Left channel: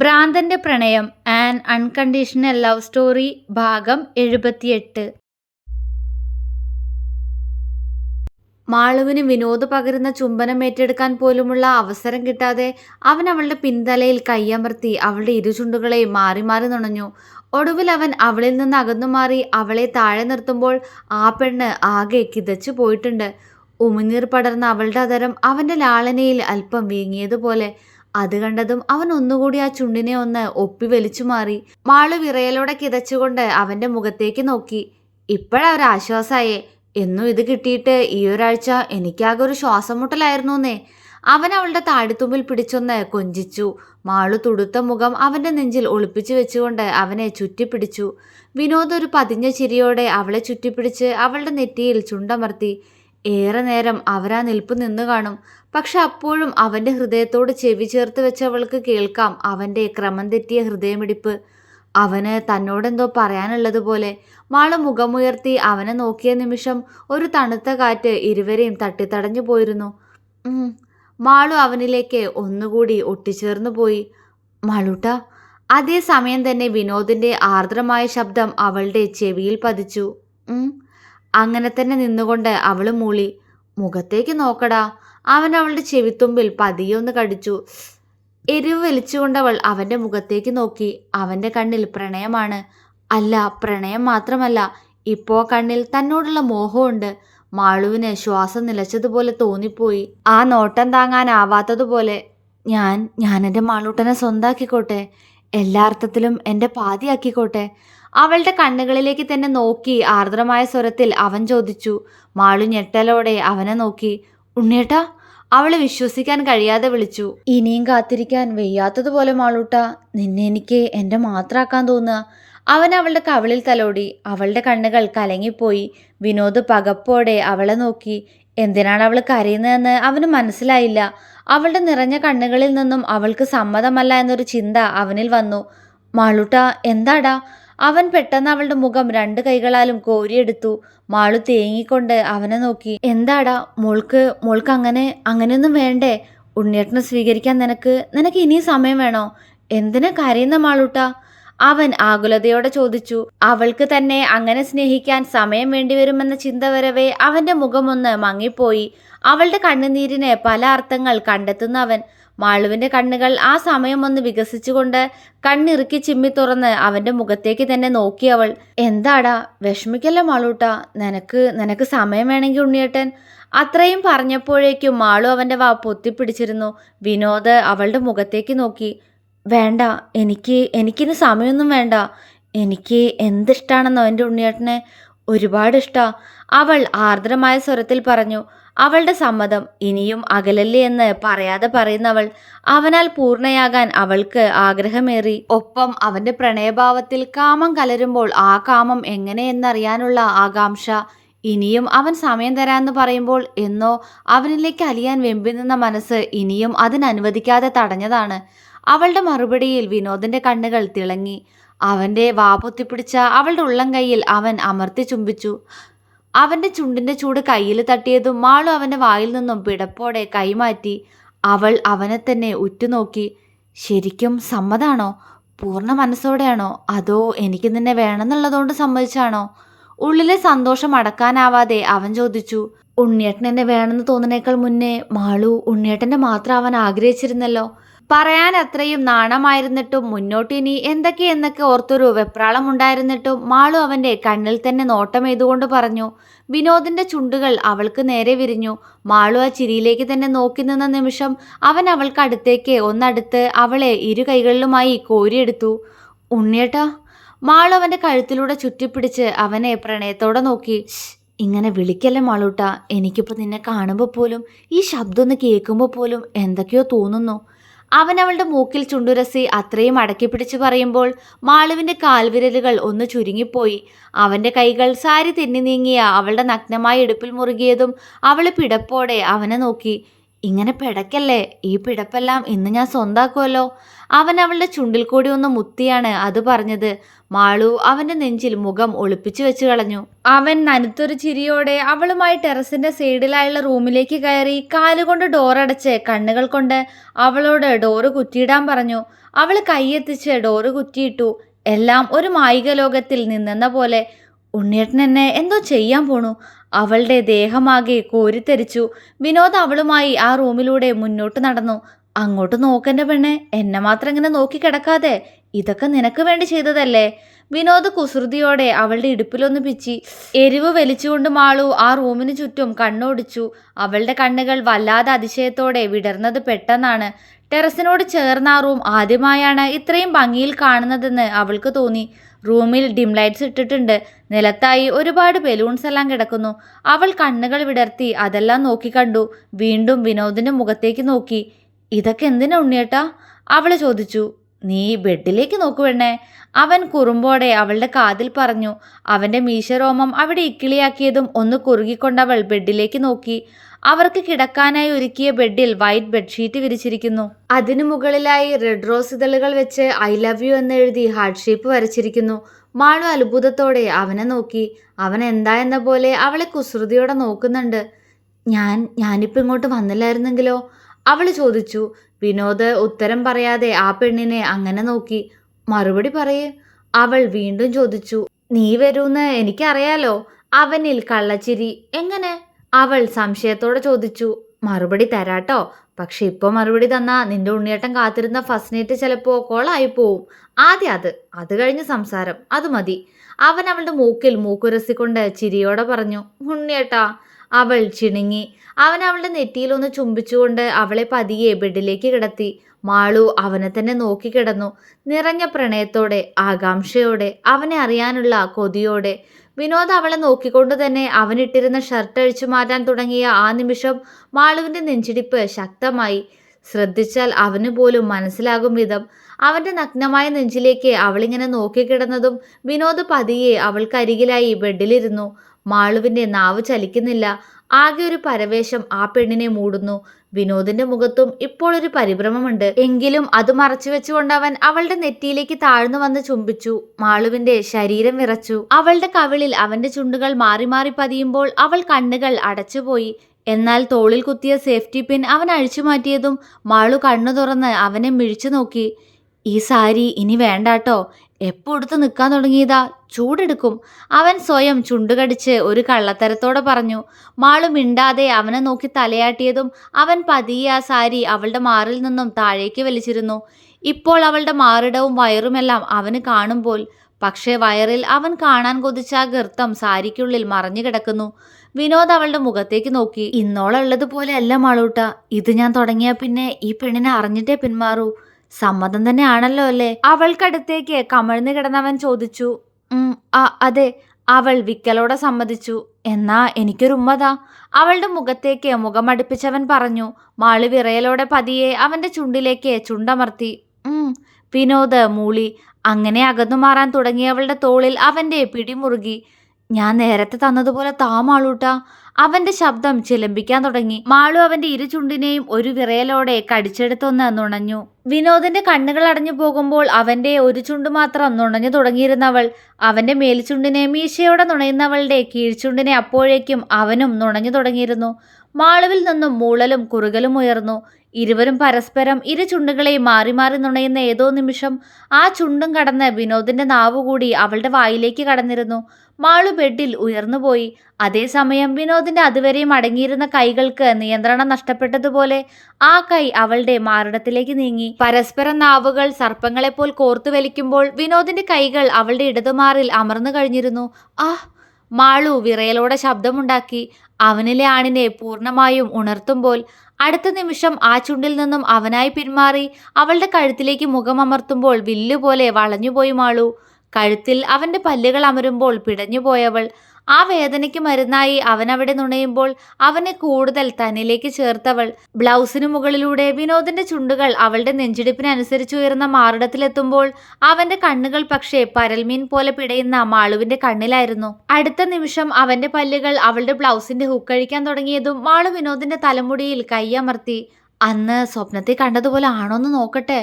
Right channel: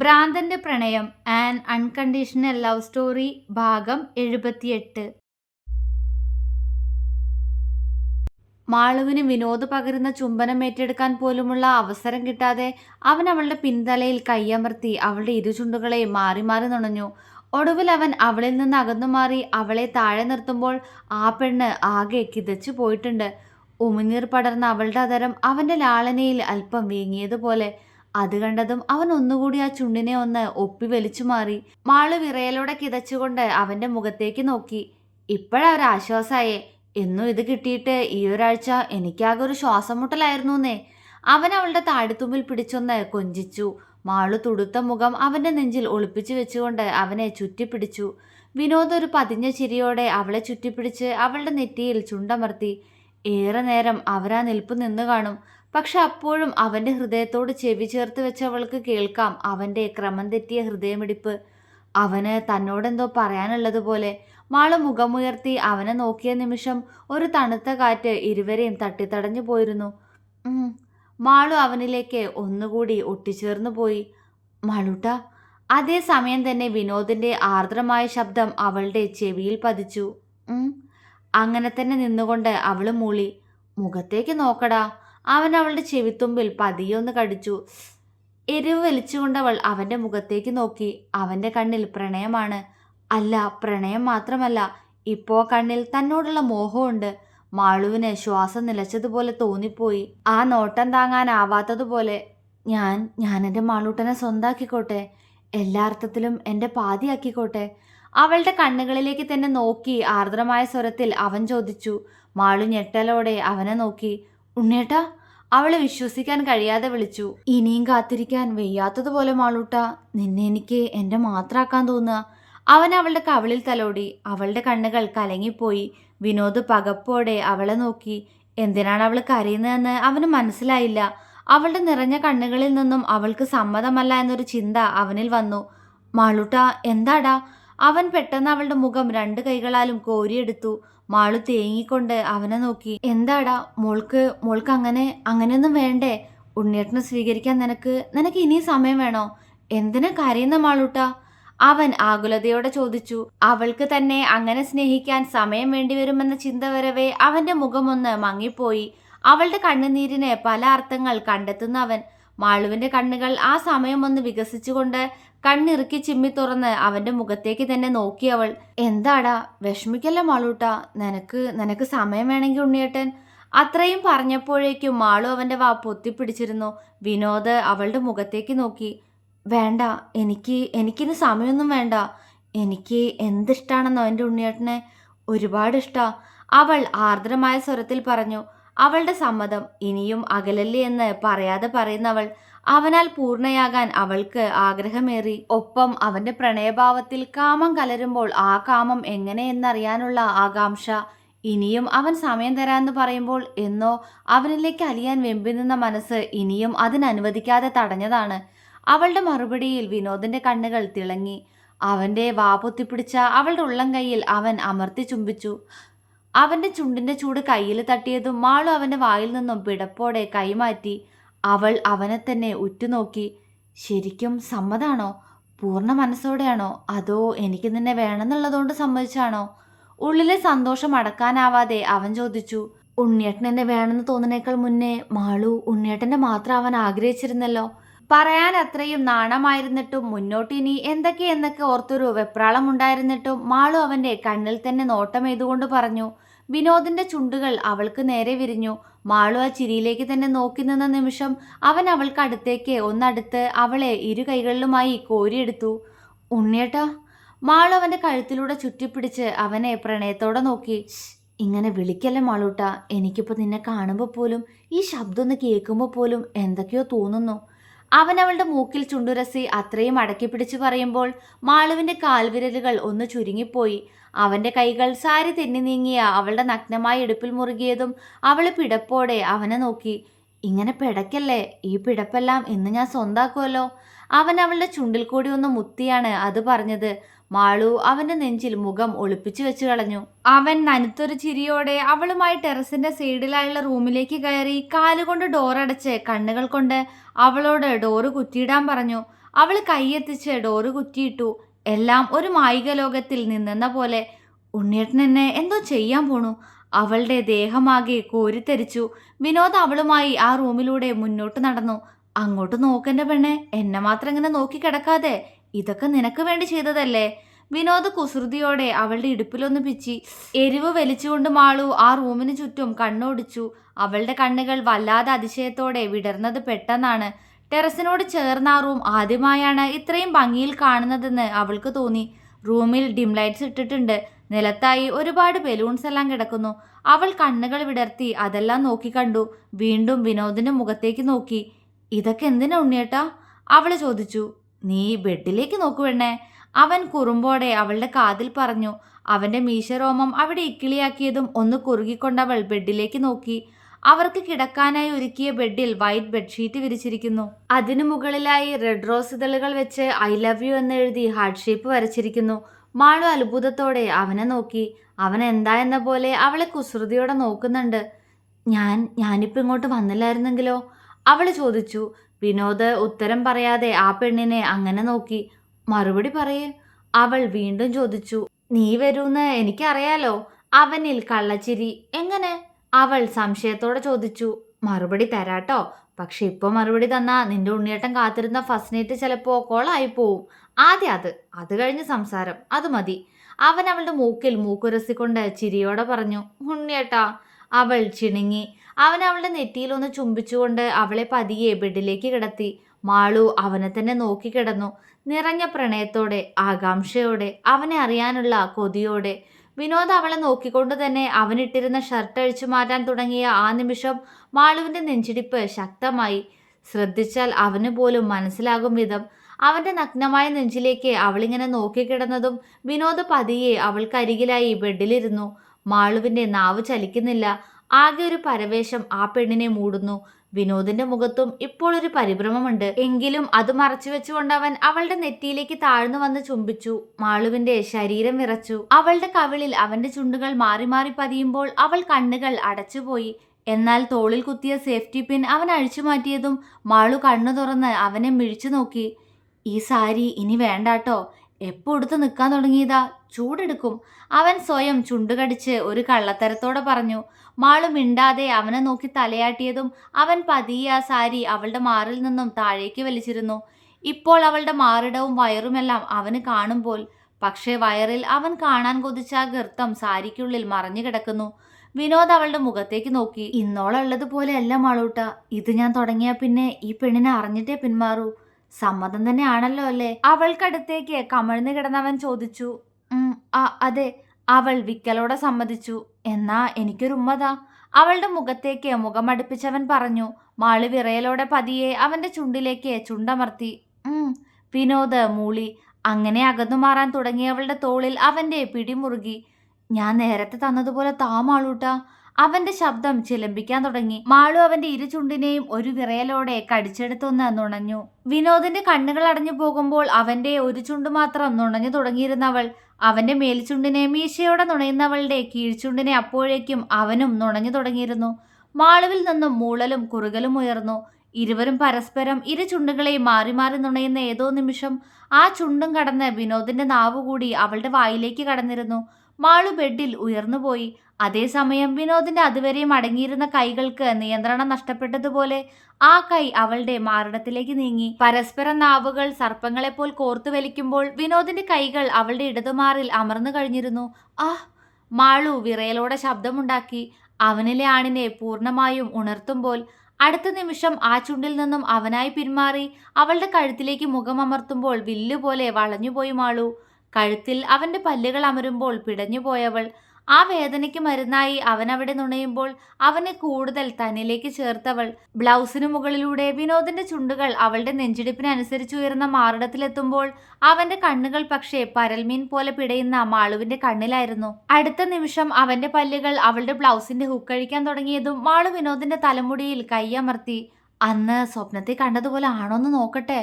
ഭ്രാന്തന്റെ പ്രണയം an unconditional love story ഭാഗം 78. മാളുവിന് വിനോദ് പകരുന്ന ചുംബനം ഏറ്റെടുക്കാൻ പോലുമുള്ള അവസരം കിട്ടാതെ അവൻ അവളുടെ പിൻതലയിൽ കൈയമർത്തി അവളുടെ ഇരുചുണ്ടുകളെയും മാറി മാറി നുണഞ്ഞു. ഒടുവിൽ അവൻ അവളിൽ നിന്ന് അകന്നു മാറി അവളെ താഴെ നിർത്തുമ്പോൾ ആ പെണ്ണ് ആകെ കിതച്ചു പോയിട്ടുണ്ട്. ഉമിനീർ പടർന്ന അവളുടെ അതരം അവന്റെ ലാളനയിൽ അല്പം വീങ്ങിയതുപോലെ. അത് കണ്ടതും അവൻ ഒന്നുകൂടി ആ ചുണ്ടിനെ ഒന്ന് ഒപ്പി വലിച്ചു മാറി. മാള് വിറയലോടെ കിതച്ചുകൊണ്ട് അവന്റെ മുഖത്തേക്ക് നോക്കി. ഇപ്പോഴാ ഒരു ആശ്വാസായേ. എന്നും ഇത് കിട്ടിയിട്ട് ഈ ഒരാഴ്ച എനിക്കാകെ ഒരു ശ്വാസം മുട്ടലായിരുന്നേ. അവൻ അവളുടെ താടിത്തുമ്പിൽ പിടിച്ചൊന്ന് കൊഞ്ചിച്ചു. മാളു തുടുത്ത മുഖം അവന്റെ നെഞ്ചിൽ ഒളിപ്പിച്ചു വെച്ചുകൊണ്ട് അവനെ ചുറ്റിപ്പിടിച്ചു. വിനോദ് ഒരു പതിഞ്ഞ ചിരിയോടെ അവളെ ചുറ്റിപ്പിടിച്ച് അവളുടെ നെറ്റിയിൽ ചുണ്ടമർത്തി. ഏറെ നേരം അവരാ നിൽപ്പ് നിന്നു കാണും. പക്ഷെ അപ്പോഴും അവന്റെ ഹൃദയത്തോട് ചെവി ചേർത്ത് വെച്ചവൾക്ക് കേൾക്കാം അവന്റെ ക്രമം തെറ്റിയ ഹൃദയമിടിപ്പ്. അവന് തന്നോടെന്തോ പറയാനുള്ളതുപോലെ. മാള് മുഖമുയർത്തി അവനെ നോക്കിയ നിമിഷം ഒരു തണുത്ത കാറ്റ് ഇരുവരെയും തട്ടിത്തടഞ്ഞു പോയിരുന്നു. മാളു അവനിലേക്ക് ഒന്നുകൂടി ഒട്ടിച്ചേർന്നു പോയി. മാളൂട്ട. അതേ സമയം തന്നെ വിനോദിന്റെ ആർദ്രമായ ശബ്ദം അവളുടെ ചെവിയിൽ പതിച്ചു. അങ്ങനെ തന്നെ നിന്നുകൊണ്ട് അവള് മൂളി. മുഖത്തേക്ക് നോക്കടാ. അവൻ അവളുടെ ചെവിത്തുമ്പിൽ പതിയൊന്ന് കടിച്ചു. എരിവ് വലിച്ചുകൊണ്ടവൾ അവന്റെ മുഖത്തേക്ക് നോക്കി. അവന്റെ കണ്ണിൽ പ്രണയമാണ്. അല്ല, പ്രണയം മാത്രമല്ല, ഇപ്പോ കണ്ണിൽ തന്നോടുള്ള മോഹമുണ്ട്. മാളുവിന് ശ്വാസം നിലച്ചതുപോലെ തോന്നിപ്പോയി. ആ നോട്ടം താങ്ങാനാവാത്തതുപോലെ. ഞാൻ എൻ്റെ മാളൂട്ടനെ സ്വന്താക്കിക്കോട്ടെ. എല്ലാ അർത്ഥത്തിലും എൻ്റെ പാതിയാക്കിക്കോട്ടെ. അവളുടെ കണ്ണുകളിലേക്ക് തന്നെ നോക്കി ആർദ്രമായ സ്വരത്തിൽ അവൻ ചോദിച്ചു. മാളു ഞെട്ടലോടെ അവനെ നോക്കി. ഉണ്ണേട്ടാ. അവളെ വിശ്വസിക്കാൻ കഴിയാതെ വിളിച്ചു. ഇനിയും കാത്തിരിക്കാൻ വയ്യാത്തതുപോലെ മാളൂട്ട. നിന്നെ എനിക്ക് എൻ്റെ മാത്രാക്കാൻ തോന്നുക. അവൻ അവളുടെ കവിളിൽ തലോടി. അവളുടെ കണ്ണുകൾ കലങ്ങിപ്പോയി. വിനോദ് പകപ്പോടെ അവളെ നോക്കി. എന്തിനാണ് അവൾ കരയുന്നതെന്ന് അവന് മനസ്സിലായില്ല. അവളുടെ നിറഞ്ഞ കണ്ണുകളിൽ നിന്നും അവൾക്ക് സമ്മതമല്ല എന്നൊരു ചിന്ത അവനിൽ വന്നു. മാളൂട്ട, എന്താടാ? അവൻ പെട്ടെന്ന് അവളുടെ മുഖം 2 കൈകളാലും കോരിയെടുത്തു. മാളു തേങ്ങിക്കൊണ്ട് അവനെ നോക്കി. എന്താടാ, മോൾക്ക് അങ്ങനെയൊന്നും വേണ്ടേ? ഉണ്ണിയേട്ടനെ സ്വീകരിക്കാൻ നിനക്ക് ഇനിയും സമയം വേണോ? എന്തിനാ കരയുന്ന മാളൂട്ട? അവൻ ആകുലതയോടെ ചോദിച്ചു. അവൾക്ക് തന്നെ അങ്ങനെ സ്നേഹിക്കാൻ സമയം വേണ്ടിവരുമെന്ന ചിന്ത വരവേ അവന്റെ മുഖമൊന്ന് മങ്ങിപ്പോയി. അവളുടെ കണ്ണുനീരിന് പല അർത്ഥങ്ങൾ കണ്ടെത്തുന്ന അവൻ. മാളുവിന്റെ കണ്ണുകൾ ആ സമയം ഒന്ന് വികസിച്ചുകൊണ്ട് കണ്ണിറുക്കി ചിമ്മി തുറന്ന് അവന്റെ മുഖത്തേക്ക് തന്നെ നോക്കി അവൾ. എന്താടാ, വിഷമിക്കല്ല മാളൂട്ട. നിനക്ക് സമയം വേണമെങ്കിൽ ഉണ്ണിയേട്ടൻ. അത്രയും പറഞ്ഞപ്പോഴേക്കും മാളു അവന്റെ വാ പൊത്തിപ്പിടിച്ചിരുന്നു. വിനോദ് അവളുടെ മുഖത്തേക്ക് നോക്കി. വേണ്ട, എനിക്കിന് സമയമൊന്നും വേണ്ട. എനിക്ക് എന്തിഷ്ടാണെന്നോ എൻ്റെ ഉണ്ണിയേട്ടനെ. ഒരുപാട് ഇഷ്ടാ. അവൾ ആർദ്രമായ സ്വരത്തിൽ പറഞ്ഞു. അവളുടെ സമ്മതം ഇനിയും അകലല്ലേ എന്ന് പറയാതെ പറയുന്നവൾ. അവനാൽ പൂർണ്ണയാകാൻ അവൾക്ക് ആഗ്രഹമേറി. ഒപ്പം അവന്റെ പ്രണയഭാവത്തിൽ കാമം കലരുമ്പോൾ ആ കാമം എങ്ങനെയെന്നറിയാനുള്ള ആകാംക്ഷ. ഇനിയും അവൻ സമയം തരാമെന്ന് പറയുമ്പോൾ എന്നോ അവനിലേക്ക് അലിയാൻ വെമ്പി നിന്ന മനസ്സ് ഇനിയും അതിനനുവദിക്കാതെ തടഞ്ഞതാണ്. അവളുടെ മറുപടിയിൽ വിനോദിന്റെ കണ്ണുകൾ തിളങ്ങി. അവന്റെ വാ പൊത്തിപ്പിടിച്ച അവളുടെ ഉള്ളം കൈയിൽ അവൻ അമർത്തി ചുംബിച്ചു. അവന്റെ ചുണ്ടിന്റെ ചൂട് കയ്യിൽ തട്ടിയതും മാളു അവന്റെ വായിൽ നിന്നും പിടപ്പോടെ കൈമാറ്റി. അവൾ അവനെ തന്നെ ഉറ്റുനോക്കി. ശരിക്കും സമ്മതാണോ? പൂർണ്ണ മനസ്സോടെയാണോ? അതോ എനിക്ക് നിന്നെ വേണമെന്നുള്ളതുകൊണ്ട് സമ്മതിച്ചാണോ? ഉള്ളിലെ സന്തോഷം അടക്കാനാവാതെ അവൻ ചോദിച്ചു. ഉണ്ണിയേട്ടൻ എന്നെ വേണമെന്ന് തോന്നുന്നേക്കാൾ മുന്നേ മാളു ഉണ്ണിയേട്ടൻ്റെ മാത്രം അവൻ ആഗ്രഹിച്ചിരുന്നല്ലോ. പറയാൻ അത്രയും നാണമായിരുന്നിട്ടും മുന്നോട്ടിനി എന്തൊക്കെ ഓർത്തൊരു വെപ്രാളം ഉണ്ടായിരുന്നിട്ടും മാളു അവന്റെ കണ്ണിൽ തന്നെ നോട്ടം ചെയ്തുകൊണ്ട് പറഞ്ഞു. വിനോദിന്റെ ചുണ്ടുകൾ അവൾക്ക് നേരെ വിരിഞ്ഞു. മാളു ആ ചിരിയിലേക്ക് തന്നെ നോക്കി നിന്ന നിമിഷം അവൻ അവൾക്ക് അടുത്തേക്ക് ഒന്നടുത്ത് അവളെ 2 കൈകളിലുമായി കോരിയെടുത്തു. ഉണ്ണിയേട്ടാ. മാളു അവന്റെ കഴുത്തിലൂടെ ചുറ്റിപ്പിടിച്ച് അവനെ പ്രണയത്തോടെ നോക്കി. ഇങ്ങനെ വിളിക്കല്ലേ മാളൂട്ട. എനിക്കിപ്പോൾ നിന്നെ കാണുമ്പോൾ പോലും ഈ ശബ്ദം ഒന്ന് കേൾക്കുമ്പോൾ പോലും എന്തൊക്കെയോ തോന്നുന്നു. അവൻ അവളുടെ മൂക്കിൽ ചുണ്ടുരസി അത്രയും അടക്കി പിടിച്ച് പറയുമ്പോൾ മാളുവിന്റെ കാൽവിരലുകൾ ഒന്ന് ചുരുങ്ങിപ്പോയി. അവന്റെ കൈകൾ സാരി തെന്നി നീങ്ങിയ അവളുടെ നഗ്നമായ ഇടുപ്പിൽ മുറുകിയതും അവള് പിടപ്പോടെ അവനെ നോക്കി. ഇങ്ങനെ പിടക്കല്ലേ. ഈ പിടപ്പെല്ലാം ഇന്ന് ഞാൻ സ്വന്താക്കുമല്ലോ. അവൻ അവളുടെ ചുണ്ടിൽ കൂടി ഒന്ന് മുത്തിയാണ് അത് പറഞ്ഞത്. മാളു അവന്റെ നെഞ്ചിൽ മുഖം ഒളിപ്പിച്ചു വെച്ച് കളഞ്ഞു. അവൻ നനുത്തൊരു ചിരിയോടെ അവളുമായി ടെറസിന്റെ സൈഡിലായുള്ള റൂമിലേക്ക് കയറി കാലുകൊണ്ട് ഡോറടച്ച് കണ്ണുകൾ കൊണ്ട് അവളോട് ഡോറ് കുറ്റിയിടാൻ പറഞ്ഞു. അവൾ കൈയെത്തിച്ച് ഡോറ് കുറ്റിയിട്ടു. എല്ലാം ഒരു മായിക ലോകത്തിൽ നിന്നെന്ന പോലെ. ഉണ്ണിയേട്ടൻ എന്നെ എന്തോ ചെയ്യാൻ പോണു. അവളുടെ ദേഹമാകെ കോരിത്തെരിച്ചു. വിനോദ് അവളുമായി ആ റൂമിലൂടെ മുന്നോട്ട് നടന്നു. അങ്ങോട്ട് നോക്കൻ്റെ പെണ്ണെ, എന്നെ മാത്രം ഇങ്ങനെ നോക്കി കിടക്കാതെ. ഇതൊക്കെ നിനക്ക് വേണ്ടി ചെയ്തതല്ലേ? വിനോദ് കുസൃതിയോടെ അവളുടെ ഇടുപ്പിലൊന്ന് പിച്ചി. എരിവ് വലിച്ചുകൊണ്ട് മാളു ആ റൂമിന് ചുറ്റും കണ്ണോടിച്ചു. അവളുടെ കണ്ണുകൾ വല്ലാതെ അതിശയത്തോടെ വിടർന്നത് പെട്ടെന്നാണ്. ടെറസിനോട് ചേർന്ന ആ റൂം ആദ്യമായാണ് ഇത്രയും ഭംഗിയിൽ കാണുന്നതെന്ന് അവൾക്ക് തോന്നി. റൂമിൽ ഡിം ലൈറ്റ്സ് ഇട്ടിട്ടുണ്ട്. നിലത്തായി ഒരുപാട് ബലൂൺസ് എല്ലാം കിടക്കുന്നു. അവൾ കണ്ണുകൾ വിടർത്തി അതെല്ലാം നോക്കിക്കണ്ടു. വീണ്ടും വിനോദിന്റെ മുഖത്തേക്ക് നോക്കി. ഇതൊക്കെ എന്തിനാ ഉണ്ണിയേട്ടാ? അവൾ ചോദിച്ചു. നീ ബെഡിലേക്ക് നോക്കുവെണ്ണേ, അവൻ കുറുമ്പോടെ അവളുടെ കാതിൽ പറഞ്ഞു. അവന്റെ മീശരോമം അവിടെ ഇക്കിളിയാക്കിയതും ഒന്ന് കുറുകിക്കൊണ്ടവൾ ബെഡിലേക്ക് നോക്കി. അവർക്ക് കിടക്കാനായി ഒരുക്കിയ ബെഡിൽ വൈറ്റ് ബെഡ്ഷീറ്റ് വിരിച്ചിരിക്കുന്നു. അതിനു മുകളിലായി റെഡ് റോസ് ഇതളുകൾ വെച്ച് ഐ ലവ് യു എന്ന് എഴുതി ഹാർട്ട് ഷേപ്പ് വരച്ചിരിക്കുന്നു. മാളു അത്ഭുതത്തോടെ അവനെ നോക്കി. അവൻ എന്താ എന്ന പോലെ അവളെ കുസൃതിയോടെ നോക്കുന്നുണ്ട്. ഞാനിപ്പോൾ ഇങ്ങോട്ട് വന്നില്ലായിരുന്നെങ്കിലോ? അവൾ ചോദിച്ചു. വിനോദ് ഉത്തരം പറയാതെ ആ പെണ്ണിനെ അങ്ങനെ നോക്കി. മറുപടി പറയേ, അവൾ വീണ്ടും ചോദിച്ചു. നീ വരൂന്ന് എനിക്കറിയാലോ. അവനിൽ കള്ളച്ചിരി. എങ്ങനെ? അവൾ സംശയത്തോടെ ചോദിച്ചു. മറുപടി തരാട്ടോ, പക്ഷെ ഇപ്പോൾ മറുപടി തന്നാ നിന്റെ ഉണ്ണിയേട്ടൻ കാത്തിരുന്ന ഫസ്റ്റ് നൈറ്റ് ചിലപ്പോൾ കോളായി പോവും. ആദ്യം അത് കഴിഞ്ഞ് സംസാരം, അത് മതി. അവൻ അവളുടെ മൂക്കിൽ മൂക്കുരസിക്കൊണ്ട് ചിരിയോടെ പറഞ്ഞു. ഉണ്ണിയേട്ടാ. അവൾ ചിണുങ്ങി. അവൻ അവളുടെ നെറ്റിയിലൊന്ന് ചുംബിച്ചുകൊണ്ട് അവളെ പതിയെ ബെഡിലേക്ക് കിടത്തി. മാളു അവനെ തന്നെ നോക്കിക്കിടന്നു. നിറഞ്ഞ പ്രണയത്തോടെ, ആകാംക്ഷയോടെ, അവനെ അറിയാനുള്ള കൊതിയോടെ. വിനോദ് അവളെ നോക്കിക്കൊണ്ട് തന്നെ അവനിട്ടിരുന്ന ഷർട്ട് അഴിച്ചു മാറ്റാൻ തുടങ്ങിയ ആ നിമിഷം മാളുവിൻ്റെ നെഞ്ചിടിപ്പ് ശക്തമായി. ശ്രദ്ധിച്ചാൽ അവന് പോലും മനസ്സിലാകും വിധം. അവൻ്റെ നഗ്നമായ നെഞ്ചിലേക്ക് അവളിങ്ങനെ നോക്കിക്കിടന്നതും വിനോദ് പതിയെ അവൾക്കരികിലായി ബെഡിലിരുന്നു. മാളുവിൻ്റെ നാവ് ചലിക്കുന്നില്ല. ആകെ ഒരു പരവേശം ആ പെണ്ണിനെ മൂടുന്നു. വിനോദിന്റെ മുഖത്തും ഇപ്പോൾ ഒരു പരിഭ്രമമുണ്ട്. എങ്കിലും അത് മറച്ചു വെച്ചുകൊണ്ട് അവൻ അവളുടെ നെറ്റിയിലേക്ക് താഴ്ന്നു വന്ന് ചുംബിച്ചു. മാളുവിന്റെ ശരീരം വിറച്ചു. അവളുടെ കവിളിൽ അവന്റെ ചുണ്ടുകൾ മാറി മാറി പതിയുമ്പോൾ അവൾ കണ്ണുകൾ അടച്ചുപോയി. എന്നാൽ തോളിൽ കുത്തിയ സേഫ്റ്റി പിൻ അവൻ അഴിച്ചു മാറ്റിയതും മാളു കണ്ണു തുറന്ന് അവനെ മിഴിച്ചു നോക്കി. ഈ സാരി ഇനി വേണ്ടാട്ടോ. എപ്പോൾ എടുത്ത് നിൽക്കാൻ തുടങ്ങിയതാ? ചൂടെടുക്കും. അവൻ സ്വയം ചുണ്ടുകടിച്ച് ഒരു കള്ളത്തരത്തോടെ പറഞ്ഞു. മാളു മിണ്ടാതെ അവനെ നോക്കി തലയാട്ടിയതും അവൻ പതിയെ ആ സാരി അവളുടെ മാറിൽ നിന്നും താഴേക്ക് വലിച്ചിരുന്നു. ഇപ്പോൾ അവളുടെ മാറിടവും വയറുമെല്ലാം അവന് കാണുമ്പോൾ, പക്ഷേ വയറിൽ അവൻ കാണാൻ കൊതിച്ച ആ ഗർത്തം സാരിക്കുള്ളിൽ മറഞ്ഞു കിടക്കുന്നു. വിനോദ് അവളുടെ മുഖത്തേക്ക് നോക്കി. ഇന്നോളുള്ളതുപോലെ അല്ല മാളൂട്ട. ഇത് ഞാൻ തുടങ്ങിയ പിന്നെ ഈ പെണ്ണിനെ അറിഞ്ഞിട്ടേ പിന്മാറൂ. സമ്മതം തന്നെ ആണല്ലോ അല്ലേ? അവൾക്കടുത്തേക്ക് കമഴ്ന്നു കിടന്നവൻ ചോദിച്ചു. അതെ. അവൾ വിക്കലോടെ സമ്മതിച്ചു. എന്നാ എനിക്കൊരു ഉമ്മതാ. അവളുടെ മുഖത്തേക്ക് മുഖമടുപ്പിച്ചവൻ പറഞ്ഞു. മാളു വിറയലോടെ പതിയെ അവന്റെ ചുണ്ടിലേക്ക് ചുണ്ടമർത്തി. വിനോദ് മൂളി. അങ്ങനെ അകന്നു മാറാൻ തുടങ്ങിയവളുടെ തോളിൽ അവന്റെ പിടിമുറുകി. ഞാൻ നേരത്തെ തന്നതുപോലെ താ മാളൂട്ടാ. അവന്റെ ശബ്ദം ചിലമ്പിക്കാൻ തുടങ്ങി. മാളു അവന്റെ ഇരു ചുണ്ടിനെയും ഒരു വിറയലോടെ കടിച്ചെടുത്തൊന്ന് നുണഞ്ഞു. വിനോദിന്റെ കണ്ണുകൾ അടഞ്ഞു പോകുമ്പോൾ അവന്റെ ഒരു ചുണ്ട് മാത്രം നുണഞ്ഞു തുടങ്ങിയിരുന്നവൾ അവന്റെ മേൽചുണ്ടിനെ മീശയോടെ നുണയുന്നവളുടെ കീഴ്ചുണ്ടിനെ അപ്പോഴേക്കും അവനും നുണഞ്ഞു തുടങ്ങിയിരുന്നു. മാളുവിൽ നിന്നും മൂളലും കുറുകലും ഉയർന്നു. ഇരുവരും പരസ്പരം ഇരു ചുണ്ടുകളെയും മാറി മാറി നുണയുന്ന ഏതോ നിമിഷം ആ ചുണ്ടും കടന്ന് വിനോദിന്റെ നാവുകൂടി അവളുടെ വായിലേക്ക് കടന്നിരുന്നു. മാളു ബെഡിൽ ഉയർന്നുപോയി. അതേസമയം വിനോദിന്റെ അതുവരെയും അടങ്ങിയിരുന്ന കൈകൾക്ക് നിയന്ത്രണം നഷ്ടപ്പെട്ടതുപോലെ ആ കൈ അവളുടെ മാറിടത്തിലേക്ക് നീങ്ങി. പരസ്പരം നാവുകൾ സർപ്പങ്ങളെപ്പോൽ കോർത്തു വലിക്കുമ്പോൾ വിനോദിന്റെ കൈകൾ അവളുടെ ഇടതുമാറിൽ അമർന്നു കഴിഞ്ഞിരുന്നു. മാളു വിറയലോടെ ശബ്ദമുണ്ടാക്കി. അവനിലെ ആണിനെ പൂർണ്ണമായും ഉണർത്തുമ്പോൾ അടുത്ത നിമിഷം ആ ചുണ്ടിൽ നിന്നും അവനായി പിന്മാറി അവളുടെ കഴുത്തിലേക്ക് മുഖമമർത്തുമ്പോൾ വില്ലുപോലെ വളഞ്ഞുപോയി മാളു. കഴുത്തിൽ അവന്റെ പല്ലുകൾ അമരുമ്പോൾ പിടഞ്ഞുപോയവൾ. ആ വേദനയ്ക്ക് മരുന്നായി അവനവിടെ നുണയുമ്പോൾ അവനെ കൂടുതൽ തന്നിലേക്ക് ചേർത്തവൾ. ബ്ലൗസിന് മുകളിലൂടെ വിനോദിന്റെ ചുണ്ടുകൾ അവളുടെ നെഞ്ചിടിപ്പിനനുസരിച്ചുയർന്ന മാറിടത്തിലെത്തുമ്പോൾ അവന്റെ കണ്ണുകൾ പക്ഷേ പരൽമീൻ പോലെ പിടയുന്ന മാളുവിന്റെ കണ്ണിലായിരുന്നു. അടുത്ത നിമിഷം അവന്റെ പല്ലുകൾ അവളുടെ ബ്ലൗസിന്റെ ഹുക്കഴിക്കാൻ തുടങ്ങിയതും മാളു വിനോദിന്റെ തലമുടിയിൽ കൈയമർത്തി. അന്ന് സ്വപ്നത്തെ കണ്ടതുപോലെ ആണോന്ന് നോക്കട്ടെ.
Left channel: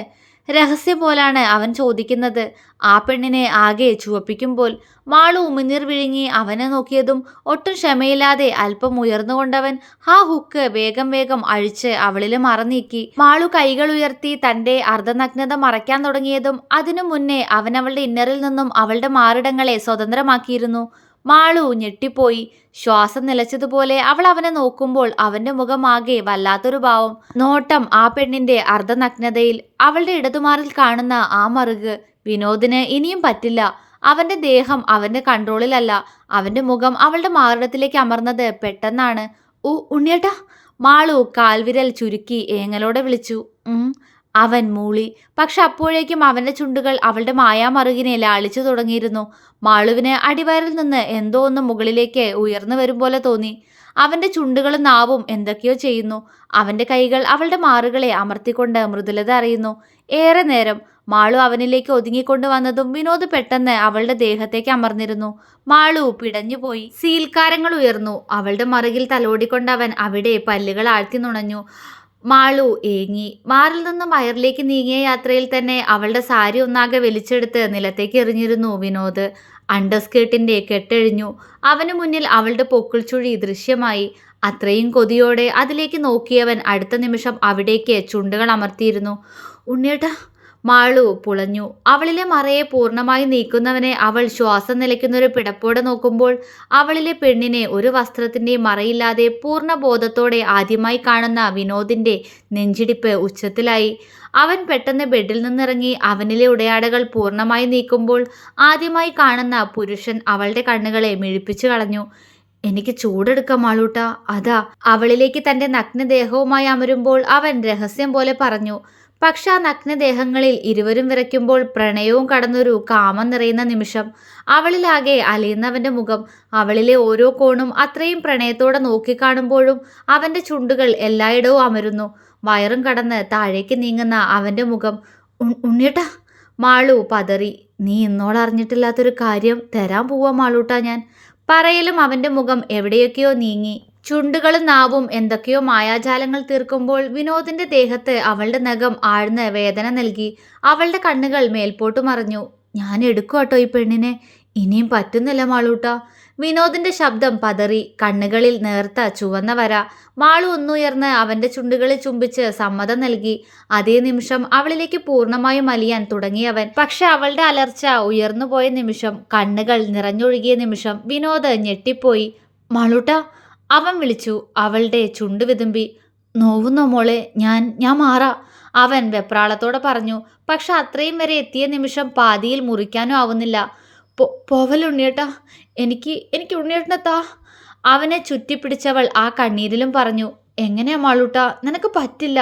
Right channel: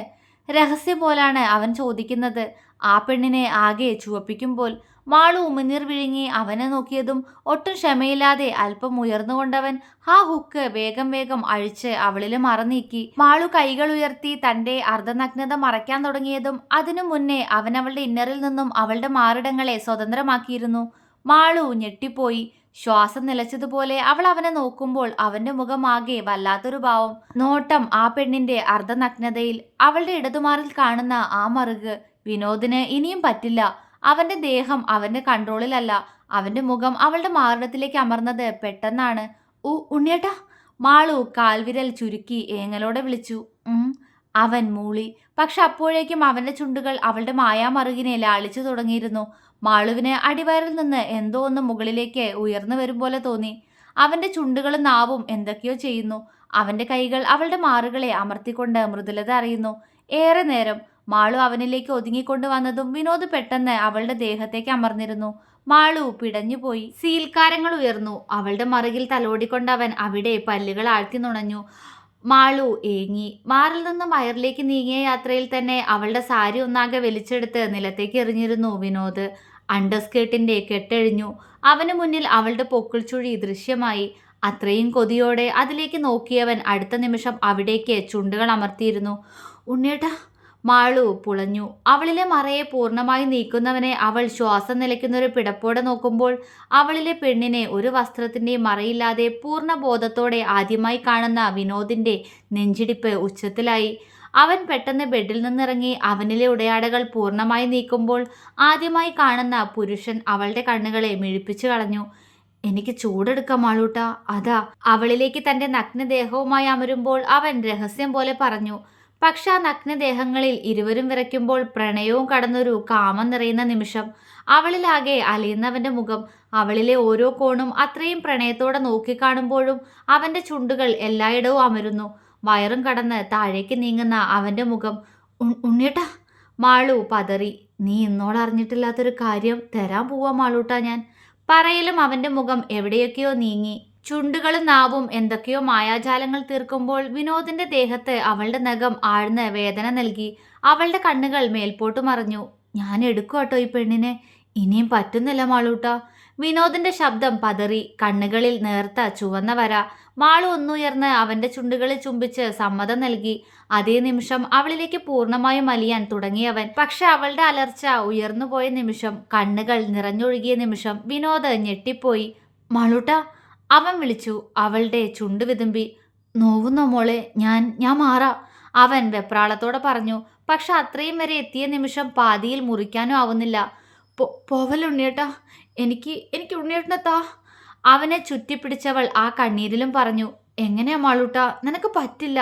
രഹസ്യം പോലാണ് അവൻ ചോദിക്കുന്നത്. ആ പെണ്ണിനെ ആകെ ചുവപ്പിക്കുമ്പോൾ. മാളു ഉമിനീർ വിഴുങ്ങി അവനെ നോക്കിയതും ഒട്ടും ക്ഷമയില്ലാതെ അല്പം ഉയർന്നുകൊണ്ടവൻ ആ ഹുക്ക് വേഗം വേഗം അഴിച്ച് അവളില് മറനീക്കി. മാളു കൈകൾ ഉയർത്തി തന്റെ അർദ്ധനഗ്നത മറയ്ക്കാൻ തുടങ്ങിയതും അതിനു മുന്നേ അവൻ അവളുടെ ഇന്നറിൽ നിന്നും അവളുടെ മാറിടങ്ങളെ സ്വതന്ത്രമാക്കിയിരുന്നു. മാളു ഞെട്ടിപ്പോയി. ശ്വാസം നിലച്ചതുപോലെ അവൾ അവനെ നോക്കുമ്പോൾ അവന്റെ മുഖമാകെ വല്ലാത്തൊരു ഭാവം. നോട്ടം ആ പെണ്ണിന്റെ അർദ്ധനഗ്നതയിൽ. അവളുടെ ഇടതുമാറിൽ കാണുന്ന ആ മറുക്. വിനോദിന് ഇനിയും പറ്റില്ല. അവന്റെ ദേഹം അവന്റെ കൺട്രോളിലല്ല. അവന്റെ മുഖം അവളുടെ മാറിടത്തിലേക്ക് അമർന്നത് പെട്ടെന്നാണ്. ഉണ്ണിയേട്ടാ. മാളു കാൽവിരൽ ചുരുക്കി ഏങ്ങലോടെ വിളിച്ചു. അവൻ മൂളി. പക്ഷെ അപ്പോഴേക്കും അവന്റെ ചുണ്ടുകൾ അവളുടെ മായാമറുകിനെ ലാളിച്ചു തുടങ്ങിയിരുന്നു. മാളുവിന് അടിവയറിൽ നിന്ന് എന്തോ ഒന്ന് മുകളിലേക്ക് ഉയർന്നു വരും പോലെ തോന്നി. അവന്റെ ചുണ്ടുകളും നാവും എന്തൊക്കെയോ ചെയ്യുന്നു. അവന്റെ കൈകൾ അവളുടെ മാറുകളെ അമർത്തിക്കൊണ്ട് മൃദുലത അറിയുന്നു. ഏറെ നേരം മാളു അവനിലേക്ക് ഒതുങ്ങിക്കൊണ്ടു വന്നതും വിനോദ് പെട്ടെന്ന് അവളുടെ ദേഹത്തേക്ക് അമർന്നിരുന്നു. മാളു പിടഞ്ഞുപോയി. സീൽക്കാരങ്ങൾ ഉയർന്നു. അവളുടെ മറുകിൽ തലോടിക്കൊണ്ടവൻ അവിടെ പല്ലുകൾ ആഴ്ത്തി നുണഞ്ഞു. മാളു ഏങ്ങി. മാറിൽ നിന്നും വയറിലേക്ക് നീങ്ങിയ യാത്രയിൽ തന്നെ അവളുടെ സാരി ഒന്നാകെ വലിച്ചെടുത്ത് നിലത്തേക്ക് എറിഞ്ഞിരുന്നു വിനോദ്. അണ്ടർസ്കേർട്ടിന്റെ കെട്ടഴിഞ്ഞു. അവന് മുന്നിൽ അവളുടെ പൊക്കിൾച്ചുഴി ദൃശ്യമായി. അത്രയും കൊതിയോടെ അതിലേക്ക് നോക്കിയവൻ അടുത്ത നിമിഷം അവിടേക്ക് ചുണ്ടുകൾ അമർത്തിയിരുന്നു. ഉണ്ണിയേട്ടാ. മാളു പുളഞ്ഞു. അവളിലെ മറയെ പൂർണ്ണമായി നീക്കുന്നവനെ അവൾ ശ്വാസം നിലയ്ക്കുന്നൊരു പിടപ്പോടെ നോക്കുമ്പോൾ അവളിലെ പെണ്ണിനെ ഒരു വസ്ത്രത്തിൻ്റെയും മറയില്ലാതെ പൂർണ്ണ ബോധത്തോടെ ആദ്യമായി കാണുന്ന വിനോദിൻ്റെ നെഞ്ചിടിപ്പ് ഉച്ചത്തിലായി. അവൻ പെട്ടെന്ന് ബെഡിൽ നിന്നിറങ്ങി അവനിലെ ഉടയാടകൾ പൂർണ്ണമായി നീക്കുമ്പോൾ ആദ്യമായി കാണുന്ന പുരുഷൻ അവളുടെ കണ്ണുകളെ മിഴിപ്പിച്ചു കളഞ്ഞു. എനിക്ക് ചൂടെടുക്കാം മാളൂട്ട. അതാ. അവളിലേക്ക് തൻ്റെ നഗ്നദേഹവുമായി അമരുമ്പോൾ അവൻ രഹസ്യം പോലെ പറഞ്ഞു. പക്ഷെ ആ നഗ്നദേഹങ്ങളിൽ ഇരുവരും വിറയ്ക്കുമ്പോൾ പ്രണയവും കടന്നൊരു കാമം നിറയുന്ന നിമിഷം. അവളിലാകെ അലയുന്നവൻ്റെ മുഖം. അവളിലെ ഓരോ കോണും അത്രയും പ്രണയത്തോടെ നോക്കിക്കാണുമ്പോഴും അവൻ്റെ ചുണ്ടുകൾ എല്ലായിടവും അമരുന്നു. വയറും കടന്ന് താഴേക്ക് നീങ്ങുന്ന അവൻ്റെ മുഖം. ഉണ്ണിയേട്ടാ. മാളു പതറി. നീ ഇന്നോളറിഞ്ഞിട്ടില്ലാത്തൊരു കാര്യം തരാൻ പോവാ മാളൂട്ടാ ഞാൻ. പറയലും അവൻ്റെ മുഖം എവിടെയൊക്കെയോ നീങ്ങി. ചുണ്ടുകളും നാവും എന്തൊക്കെയോ മായാജാലങ്ങൾ തീർക്കുമ്പോൾ വിനോദിന്റെ ദേഹത്ത് അവളുടെ നഖം ആഴ്ന്ന് വേദന നൽകി. അവളുടെ കണ്ണുകൾ മേൽപോട്ട് മറഞ്ഞു. ഞാൻ എടുക്കുവാട്ടോ ഈ പെണ്ണിനെ. ഇനിയും പറ്റുന്നില്ല മാളൂട്ട. വിനോദിന്റെ ശബ്ദം പതറി. കണ്ണുകളിൽ നേർത്ത ചുവന്ന വര. മാളു ഒന്നുയർന്ന് അവന്റെ ചുണ്ടുകളിൽ ചുംബിച്ച് സമ്മതം നൽകി. അതേ നിമിഷം അവളിലേക്ക് പൂർണ്ണമായും അലിയാൻ തുടങ്ങിയവൻ. പക്ഷെ അവളുടെ അലർച്ച ഉയർന്നുപോയ നിമിഷം, കണ്ണുകൾ നിറഞ്ഞൊഴുകിയ നിമിഷം വിനോദ് ഞെട്ടിപ്പോയി. മാളൂട്ട. അവൻ വിളിച്ചു. അവളുടെ ചുണ്ട് വിതുമ്പി. നോവുന്നോ മോളെ? ഞാൻ മാറാ. അവൻ വെപ്രാളത്തോടെ പറഞ്ഞു. പക്ഷെ അത്രയും വരെ എത്തിയ നിമിഷം പാതിയിൽ മുറിക്കാനും ആവുന്നില്ല. പോവലുണ്ണിയേട്ടാ. എനിക്ക് ഉണ്ണിയേട്ടനെ താ. അവനെ ചുറ്റിപ്പിടിച്ചവൾ ആ കണ്ണീരിലും പറഞ്ഞു. എങ്ങനെയാ മാളൂട്ട? നിനക്ക് പറ്റില്ല.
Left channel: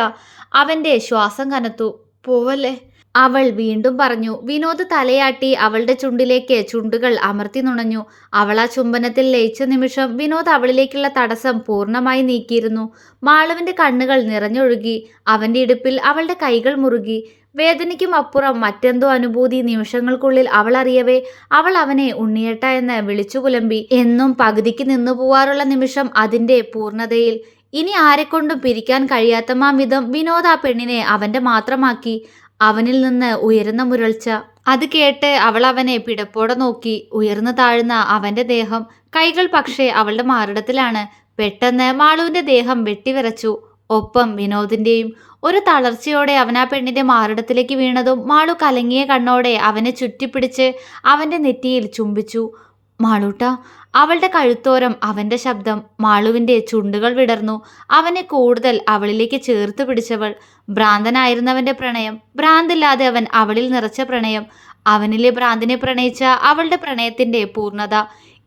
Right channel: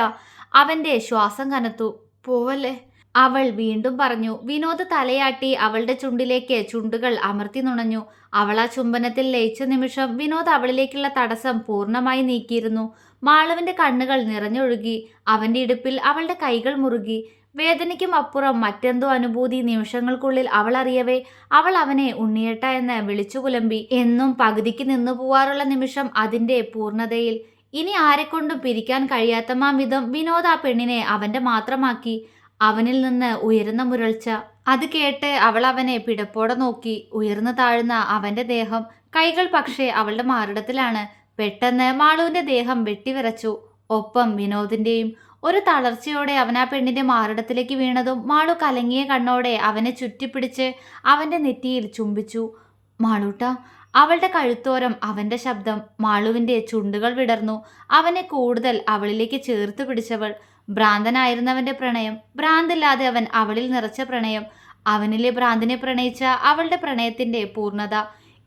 അവൻ്റെ ശ്വാസം കനത്തു. പോവല്ലേ. അവൾ വീണ്ടും പറഞ്ഞു. വിനോദ് തലയാട്ടി അവളുടെ ചുണ്ടിലേക്ക് ചുണ്ടുകൾ അമർത്തി നുണഞ്ഞു. അവൾ ആ ചുംബനത്തിൽ ലയിച്ച നിമിഷം വിനോദ് അവളിലേക്കുള്ള തടസ്സം പൂർണ്ണമായി നീക്കിയിരുന്നു. മാളുവിൻ്റെ കണ്ണുകൾ നിറഞ്ഞൊഴുകി. അവൻ്റെ ഇടുപ്പിൽ അവളുടെ കൈകൾ മുറുകി. വേദനയ്ക്കും അപ്പുറം മറ്റെന്തോ അനുഭൂതി നിമിഷങ്ങൾക്കുള്ളിൽ അവൾ അറിയവേ അവൾ അവനെ ഉണ്ണിയേട്ട എന്ന് വിളിച്ചു പുലമ്പി. എന്നും പകുതിക്ക് നിന്നു പോവാറുള്ള നിമിഷം അതിൻ്റെ പൂർണ്ണതയിൽ. ഇനി ആരെക്കൊണ്ടും പിരിക്കാൻ കഴിയാത്തമാം വിധം വിനോദ് ആ പെണ്ണിനെ അവൻ്റെ മാത്രമാക്കി. അവനിൽ നിന്ന് ഉയരുന്ന മുരൾച്ച. അത് കേട്ട് അവൾ അവനെ പിടപ്പോടെ നോക്കി. ഉയർന്നു താഴ്ന്ന അവൻ്റെ ദേഹം. കൈകൾ പക്ഷേ അവളുടെ മാറിടത്തിലാണ്. പെട്ടെന്ന് മാളുവിൻ്റെ ദേഹം വെട്ടിവിറച്ചു. ഒപ്പം വിനോദിൻ്റെയും. ഒരു തളർച്ചയോടെ അവൻ ആ പെണ്ണിൻ്റെ മാറിടത്തിലേക്ക് വീണതും മാളു കലങ്ങിയ കണ്ണോടെ അവനെ ചുറ്റിപ്പിടിച്ച് അവൻ്റെ നെറ്റിയിൽ ചുംബിച്ചു. മാളൂട്ട. അവളുടെ കഴുത്തോരം അവൻ്റെ ശബ്ദം. മാളുവിൻ്റെ ചുണ്ടുകൾ വിടർന്നു. അവനെ കൂടുതൽ അവളിലേക്ക് ചേർത്ത് പിടിച്ചവൾ. ഭ്രാന്തനായിരുന്നവൻ്റെ പ്രണയം. ഭ്രാന്തില്ലാതെ അവൻ അവളിൽ നിറച്ച പ്രണയം. അവനിലെ ഭ്രാന്തിനെ പ്രണയിച്ച അവളുടെ പ്രണയത്തിൻ്റെ പൂർണ്ണത.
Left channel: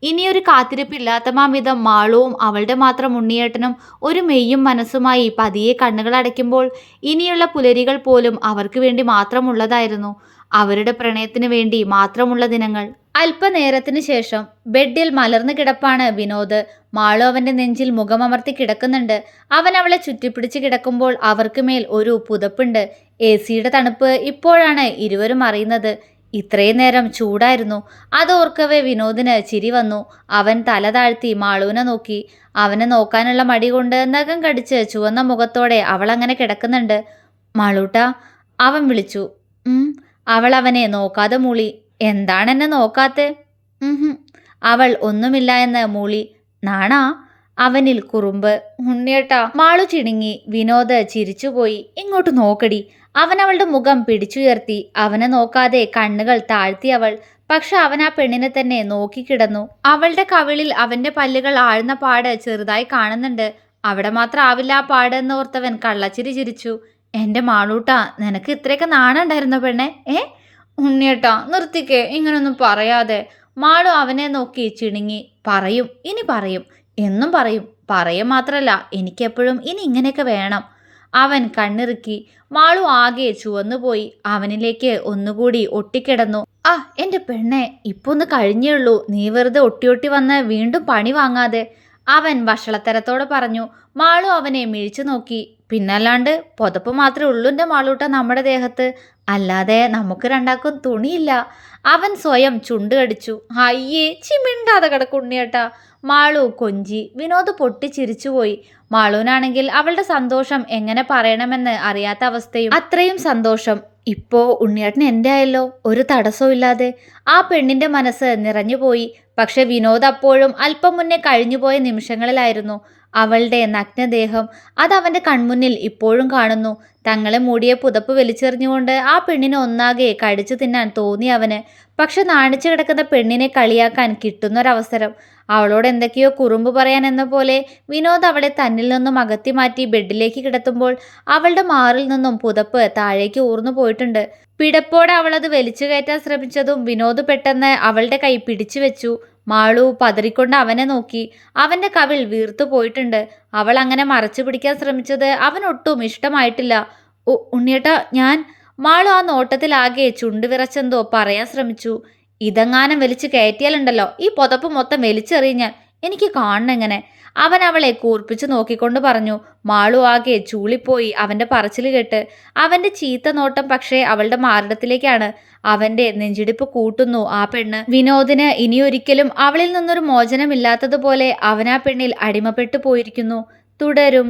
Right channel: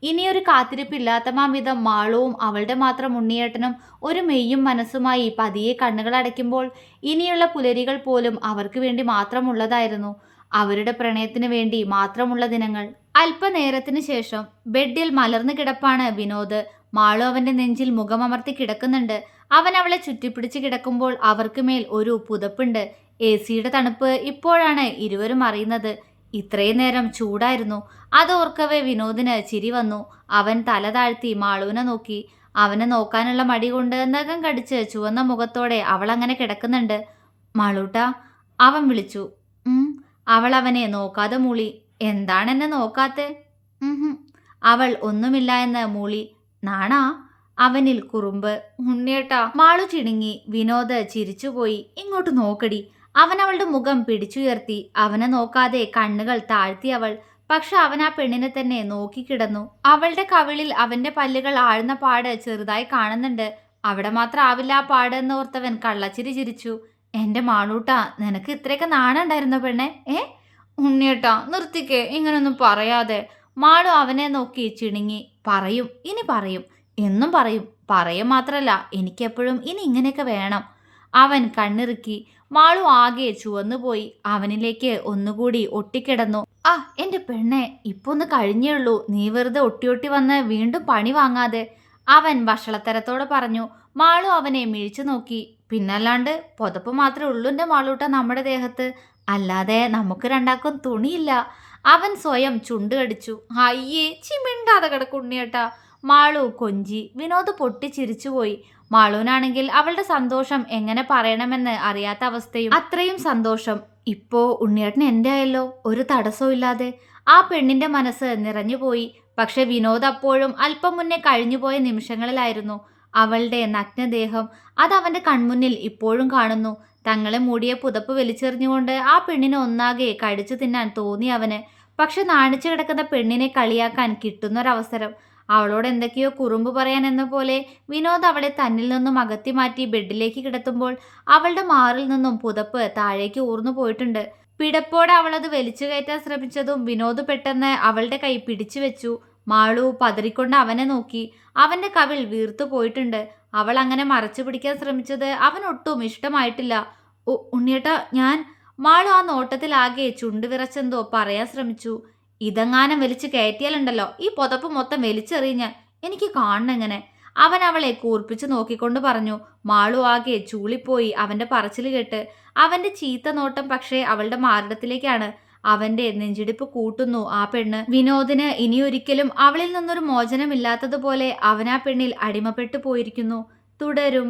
ഇനിയൊരു കാത്തിരിപ്പില്ലാത്തമാംവിധം മാളുവും അവളുടെ മാത്രം ഉണ്ണിയേട്ടനും ഒരു മെയ്യും മനസ്സുമായി പതിയെ കണ്ണുകൾ അടയ്ക്കുമ്പോൾ ഇനിയുള്ള പുലരികൾ പോലും അവർക്ക് വേണ്ടി മാത്രമുള്ളതായിരുന്നു. അവരുടെ പ്രണയത്തിന് വേണ്ടി മാത്രമുള്ള ദിനങ്ങൾ. അല്പനേരത്തിന് ശേഷം ബെഡിൽ മലർന്നു കിടപ്പാണ് വിനോദ്. മാളു അവൻ്റെ നെഞ്ചിൽ മുഖമമർത്തി കിടക്കുന്നുണ്ട്. അവൻ അവളെ ചുറ്റിപ്പിടിച്ച് കിടക്കുമ്പോൾ അവർക്ക് മേൽ ഒരു പുതപ്പുണ്ട്. AC-യുടെ തണുപ്പ് ഇപ്പോഴാണ് ഇരുവരും അറിയുന്നത്. ഇത്രയും നേരം ചൂടായിരുന്നു. അതോർക്കവേ വിനോദിന് ചിരി വന്നു. അവൻ തല താഴ്ത്തി മാളുവിനെ നോക്കി. അവനെ നോക്കാനുള്ള മടി കൊണ്ട് നഖം കടിച്ച് ചുവന്ന മുഖത്തോടെ അവൾ അങ്ങനെ കിടക്കുന്നുണ്ട്. മാളൂട്ട. അവൻ വിളിച്ചു. ഉം. അവൾ അവനെ നോക്കാതെ മൂളി. എന്താണെന്നെ നോക്കാത്തെ? ഉഹും. അവൾ ഒന്നുമില്ല എന്ന് മൂളി. നാണാ? അവനിൽ കുറുമ്പ്. ഉണ്ണിയേട്ടാ. മാളു ചിണുങ്ങി. വിനോദ് ചിരിച്ചുപോയി. ഇങ്ങോട്ട് നോക്കടി. അവൻ അവളുടെ മുഖം പിടിച്ചുയർത്തി. അവനെ നോക്കാതെ കണ്ണുകൾ താഴ്ത്തി അവൾ. പക്ഷെ അവൻ ആ പെണ്ണിനെ തന്നെ നോക്കിക്കിടന്നു. അവളുടെ കവിളിൽ അവന്റെ പല്ലുകൾ ആഴ്ന്ന പാട് ചെറുതായി കാണുന്നുണ്ട്. അവിടെ മാത്രം ആവില്ല ആ പാട് എന്നോർത്തവൻ കള്ളച്ചിരി ചിരിച്ചു. എന്റെ മാളൂട്ടാ, നിനക്ക് ഇത്രയൊക്കെ നാണം ഉണ്ടായിരുന്നോ പെണ്ണെ? ഉണ്ണിയേട്ടാ നിർത്തിക്കേ, ഇങ്ങനൊന്നും പറയാതെ. മാളു അവനെ നോക്കി ചിണുങ്ങി. പറയും, ഇനി പറയും, എന്നും പറയും. പറയും മാത്രല്ല, എനിക്കെപ്പോഴും ഇനി ഇങ്ങനെയൊക്കെ വേണം. അവൻ കണ്ണിറുക്കി. മാളു ആകെ ചുവന്നുപോയി. അവനിലേക്ക് ഒന്നുകൂടി ഒട്ടിക്കിടന്നു. ആ എന്റെ പെണ്ണെ, ഇപ്പൊ ഒന്ന് കഴിഞ്ഞേയുള്ളൂ. നീ വെറുതെ ഒട്ടി വന്ന് വീണ്ടും പണി വാങ്ങാതെ, അവൻ വഷളത്തരത്തോടെ പറഞ്ഞു. മാളു അവനെ മിഴിച്ചു നോക്കി. പിന്നല്ലാണ്ട് പുതപ്പ് മാത്രമേ ഉള്ളൂ എൻ്റെ മാളൂട്ട നമ്മുടെ ദേഹത്ത്, അല്ലാതെ നമുക്ക് രണ്ടാക്കും തുണിയില്ല. അവൻ സ്വയം ചുണ്ട് കടിച്ചു. അയ്യേ, ചിമിണ്ടാതെ കിടക്കുണ്ണിയേട്ടാ. മാളു കൊഞ്ചി. വിനോദ് പൊട്ടിച്ചിരിച്ചുപോയി. മാളുവിനാണെങ്കിൽ അവളുടെ സന്തോഷം എങ്ങനെ പറയണമെന്ന് അറിയാത്ത അവസ്ഥയും. അത്രയും സന്തോഷം ഇപ്പോ ഉണ്ണിയേട്ടൻ എൻ്റെ ആയല്ലോ, ഒരു തടസ്സവും ഇല്ലാതെ. ആ പെണ്ണിന്റെ മനസ്സ് നിറഞ്ഞുപോയി. പക്ഷെ വിനോദ് അപ്പോഴും അല്പം മുന്നേ കഴിഞ്ഞുപോയ നിമിഷങ്ങളിലായിരുന്നു. അവളുടെ നഗ്നദേഹം അതവന്റെ കൺമുന്നിൽ ഇപ്പോഴും കാണുന്നു. തങ്ങളെ മൂടിയ പുതപ്പ് വലിച്ചെറിഞ്ഞുകൊണ്ട് ആ പെണ്ണിനെ ഒന്നാകെ കടിച്ചു തിന്നാൻ തോന്നി അവന്. പക്ഷെ നാണിച്ചു കിടക്കുന്ന പെണ്ണിനെ കളിയാക്കാൻ കിട്ടുന്നൊരവസരം. അവളോട് എന്തൊക്കെയോ കുറുമ്പ് പറയാൻ എന്ന പോലെ വിനോദ് അവളെ തന്നിൽ നിന്നും അകത്തി മാറ്റി ബെഡിലേക്ക് കിടത്തുമ്പോൾ അവളുടെ മാറിൽ നിന്നും പുതപ്പ് താഴേക്ക് ഊർന്നു പോയിട്ടുണ്ട്. പിടപ്പോടെ അവളത് വലിച്ചു കയറ്റാൻ ശ്രമിച്ചതും വിനോദ് പെട്ടെന്ന് അവളുടെ കൈ പിടിച്ചു വെച്ചു. മാളു പതറിക്കൊണ്ട് അവനെ നോക്കി. അവന്റെ കവിൾ വീർത്തു പോയിട്ടുണ്ട്. അവൾ അങ്ങനെ മറച്ചു പിടിക്കാൻ ശ്രമിച്ചത് അവനൊട്ടും ഇഷ്ടമായിട്ടില്ല. ഉണ്ണിയേട്ടാ, ഞാൻ. മാളു ആ നോട്ടത്തിലാകെ ചുണ്ടുവിറച്ചെന്തോ പറയാൻ ശ്രമിച്ചു. ഇതെങ്ങാനും വലിച്ചു കയറ്റിയാലുണ്ടല്ലോ, ഈ പുതപ്പ് മൊത്തം വലിച്ചെറിഞ്ഞ് എനിക്ക് കാണണെങ്ങനെ, അവൻ അവളെ കൂർപ്പിച്ചു നോക്കിക്കൊണ്ട് പറഞ്ഞു. മാളു ആകെ ചൂളിപ്പോയി അവന്റെ പറച്ചിൽ കേട്ട്. അവന്റെ ചീത്ത നോട്ടം പക്ഷേ അവളുടെ മാറിടത്തിലേക്കാണ്. അവന്റെ നെഞ്ചിടിപ്പ് കൂട്ടുന്നു ആ പെണ്ണ്. വിനോദിന് ഇനിയൊരിക്കലും അവളിൽ നിന്നൊരു മോചനമില്ലാത്തതുപോലെ അവൻ ആ പെണ്ണിൽ അടിമപ്പെട്ടു പോയിരിക്കുന്നു. തുടരും.